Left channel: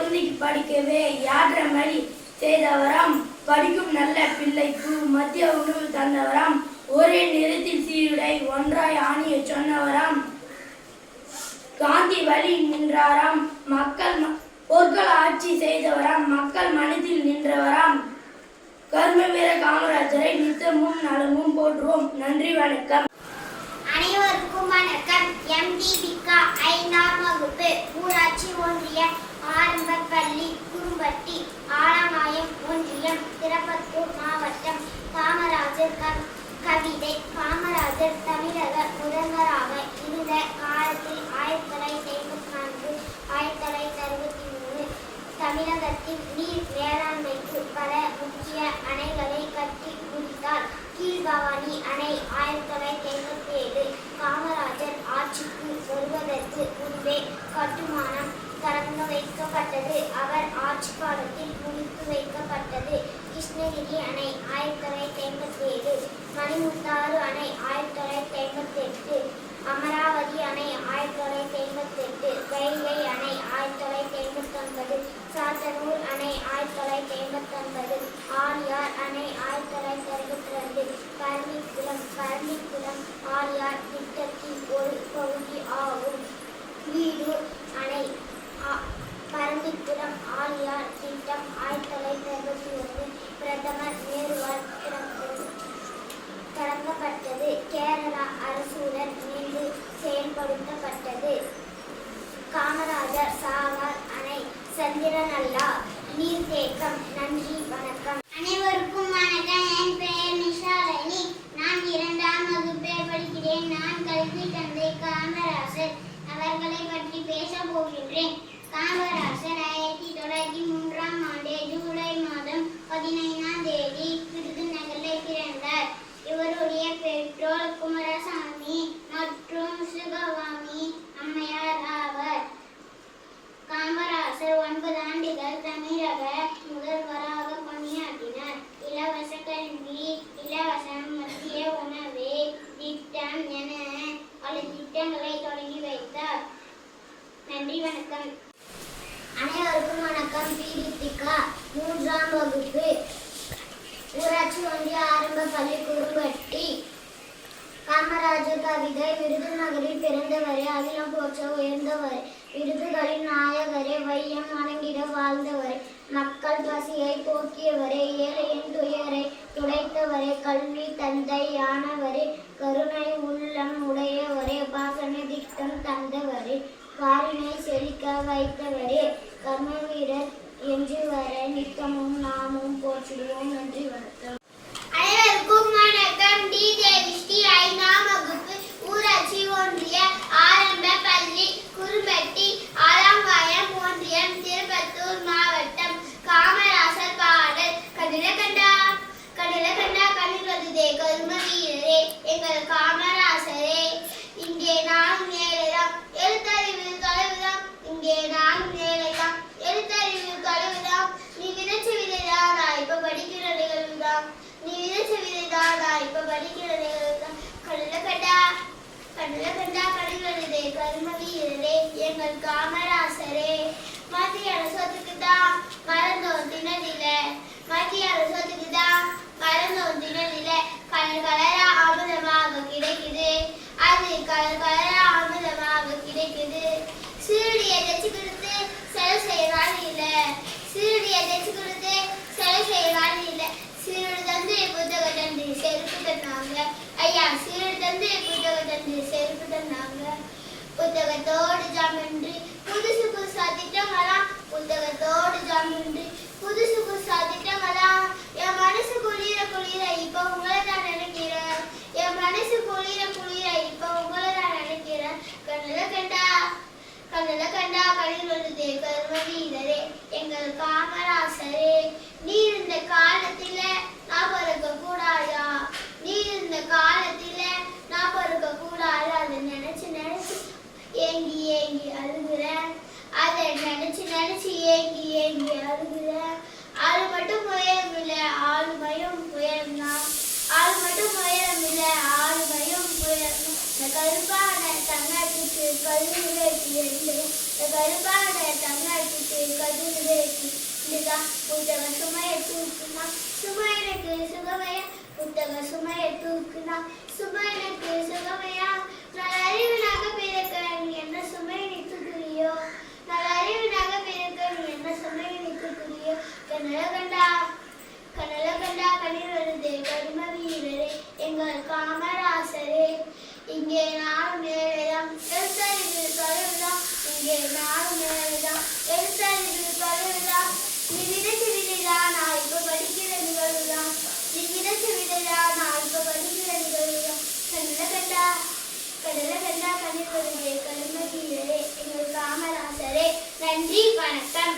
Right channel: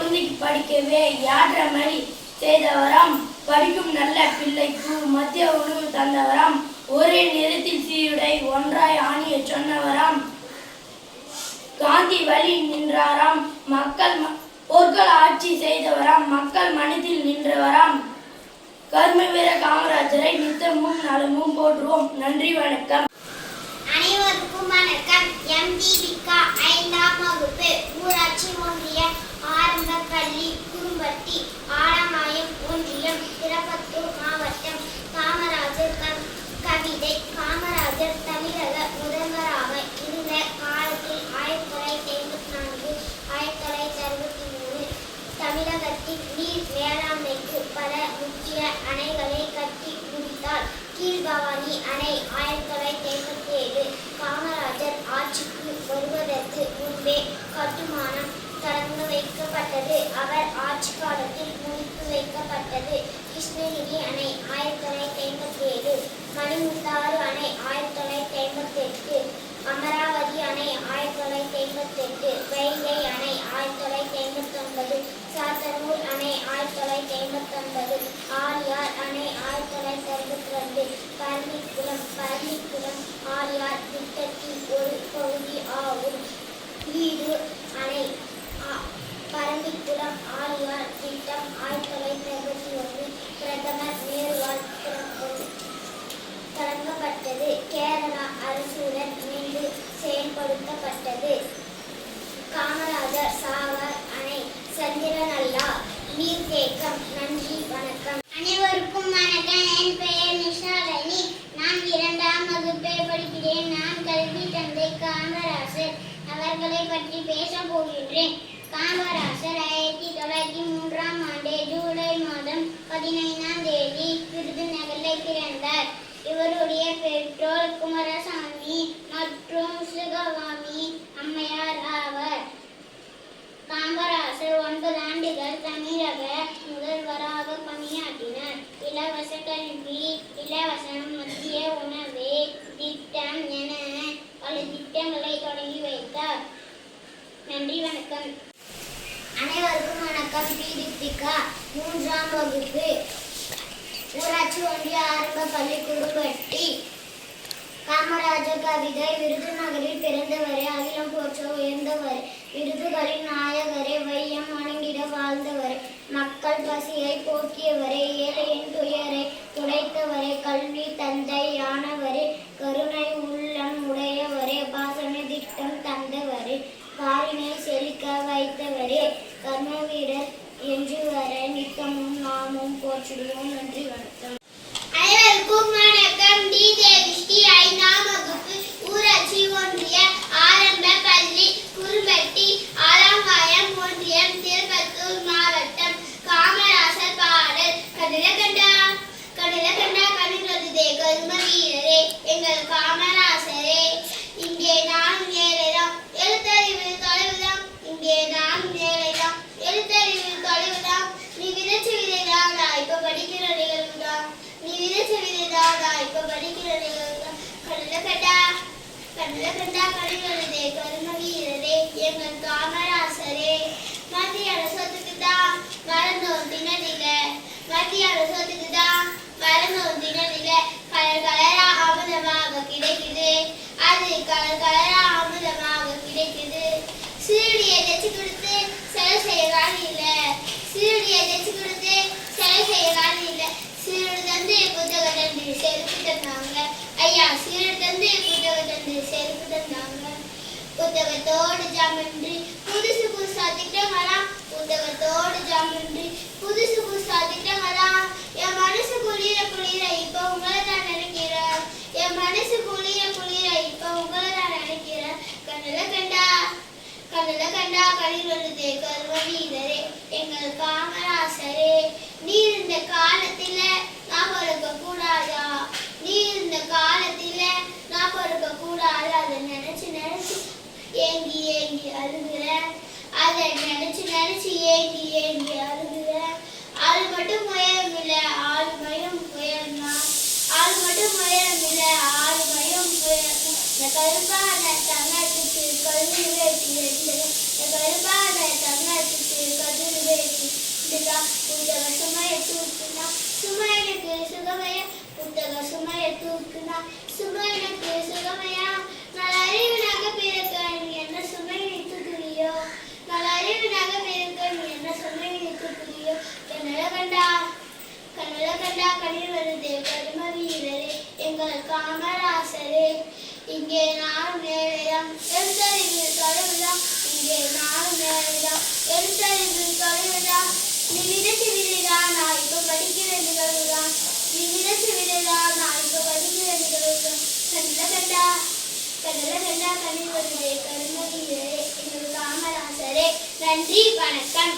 குழந்தைக்கு படிக்கவே யாற்றமளி செய்தவராம். படிக்கும் நல்ல பிள்ளைக்கு மத்திய உணவு தந்தவராம். ஒரே நிறத்தில் சீருடை ஒன்றாய் ஆணிய சொன்னவராம். காந்தி வழி நின்றாராம். பொருட்கள் ஆட்சி செய்தவராம். மக்கள் மனதில் நின்றவராம். கர்மவீர காமராஜரை நித்தமும் நலமும் போற்றுவோம். நன்றி, வணக்கம். அனைவருக்கும் வணக்கம். எம். தீபிகா, 5ஆம் வகுப்பு, ஊராட்சி ஒன்றிய ஆரம்ப பள்ளி, குரும்பட்டி, ஆலங்காயம் ஒன்றியம், திருப்பத்தூர் மாவட்டம். காமராஜர் கவிதை. காமராஜர் தமிழக முதல்வராக இருந்த காலத்தில் 1954 1963 தமிழகத்தின் நீர் மேலாண்மைக்கு பல முக்கிய அணைகளை கட்டி முடித்தார். கீழ்பவானி அணை 1957 காமராஜர் ஆட்சிக்கு வருவதற்கு முன்பே கட்டுமானம் தொடங்க வைக்கப்பட்டது. அவர் ஆட்சி காலத்தில் முடித்து வைக்கப்பட்டது. கிருஷ்ணகிரி அணை 1957, மணிமுத்தாறு அணை 1958, அமராவதி அணை 1958, வைகை அணை 1959, சாத்தனூர் அணை 1959, ஆழியார் அணை 1962, பரம்பிக்குளம் ஆழியார் திட்டத்தின் ஒரு பகுதி ஆகும். வீடு அணை பரம்பிக்குளம் ஆழியார் திட்டம் 1961 பிரதமர் நேருவால் தொடங்கப்பட்டது. கேரளா அரசுடன் இணைந்து செயல்படுத்தப்பட்டது. காமராஜர் சாகர் அணை சந்திரநல்லா நீர்த்தேக்கம். நன்றி, வணக்கம். அனைவருக்கும் வணக்கம். என் பெயர் நிஷாலினி. நான் 2ஆம் வகுப்பே படிக்கிறேன். நான் கல்வி தந்தை காமராஜர் அவர்களை பற்றி பேச போகின்றேன். காமராஜர் 1903ஆம் ஆண்டு ஜூலை மாதம் 15ஆம் தேதி விருதுநகரில் பிறந்தார். இவருடைய பெற்றோர் குமாரசாமி மற்றும் சுகவாமி அம்மையார் ஆவர். காமராஜர் 9 ஆண்டுகள் தமிழக முதல்வராக பணியாற்றினார். இலவச கல்வி, இலவச மதிய உணவு திட்டம் என பல திட்டங்களை தொடங்கி வைத்தார். நன்றி, வணக்கம். அனைவருக்கும் வணக்கம். தீபிகா, 3ஆம் வகுப்பு, ஊராட்சி ஒன்றிய ஆரம்ப பள்ளி, குரும்பட்டி. காமராஜர் கவிதை. விருதுநகரில் பிறந்தவரே, அகிலம் போற்ற உயர்ந்தவரே, விருதுகளின் நாயகரே, வையம் வணங்கிட வாழ்ந்தவரே, மக்கள் பசியை போக்கியவரே, ஏழையின் துயரை துடைத்தவரே, கல்வி தந்தை யானவரே, கருணை உள்ளம் உடையவரே, பாசன திட்டம் தந்தவரே, பாரினை செழிக்க வைத்தவரே, கர்மவீரர் என்று வர நித்தமும் நாமும் போற்றிடுவோம். நன்றி, வணக்கம். அனைவருக்கும் வணக்கம். டி. தேவிஸ்ரீ, 5ஆம் வகுப்பு, ஊராட்சி ஒன்றிய ஆரம்ப பள்ளி, குரும்பட்டி, ஆலங்காயம் ஒன்றியம், திருப்பத்தூர் மாவட்டம். காமராசர் பாடல். கண்ணில கண்டா கண்ணில் வருதே கர்ம வீரரே, எங்கள் காமராசரே, இங்கே நான் ஏழைதான், எழுத்தறிவு தொலைவுதான், இங்கே நான் ஏழைதான், எழுத்தறிவு தொலைவுதான், நீ விதைச்ச விதைதானா இப்ப படிக்கிற நிகழ்வுதான், நீ விதைச்ச விதைதானா இப்ப படிக்கிற நிகழ்வுதான். கண்ணில கண்டா கண்ணில் வருதே கர்ம வீரரே, எங்கள் காமராசரே, மத்திய அரசுக்கு தான் மறந்தோம் தினதில, மத்திய அரசுக்கு தான் மறந்தோம் தினதில, கலர் கலரா அமுதமாக கிடைக்குது, அது கலர் கலரா அமுதமாக கிடைக்குது. சீருடியை தைச்சு கொடுத்து செலவு செய்வாள் இல்ல, சீருடியை தைச்சு கொடுத்து செலவு செய்வாள் இல்ல, சீருடு தந்து புத்தக தந்து செருப்பு தந்தாங்க ஐயா, சீருடு தந்து புத்தக தந்து செருப்பு தந்தாங்க. புத்தகத்தோடு ஜாமின்றி புதுசு புதுசா திட்டங்களாம், புத்தகத்தோடு ஜாமின்றி புதுசு புதுசா திட்டங்களாம். என் மனசு குளிர குளிர இப்ப உங்களை தான் நினைக்கிறேன், என் மனசு குளிர குளிர இப்ப உங்களை தான் நினைக்கிறேன். கண்ணில கண்டா கண்ணில் வருதே கர்ம வீரரே, எங்கள் காமராசரே, நீர் இந்த காலத்தில நான் பிறக்க கூடாதா, நீர் இந்த காலத்தில நான் பிறக்க கூடாது, அதை நினைச்சு நினைச்சு ஏங்கி ஏங்கி அழுகுறேன், அதை நினைச்சு நினைச்சு ஏங்கி ஏங்கி அழுகுறேன். அது மட்டும் உயரம் இல்லை, ஆளுமையும் உயரம்தான், அது மட்டும் உயரம் இல்லை, ஆளுமையும் உயரம். இந்த கருப்பான தங்கத்துக்கு கல்லூரி வேட்டி ரெண்டு, இந்த கருப்பான தங்கத்துக்கு கல்லூரி நன்றி, வணக்கம்.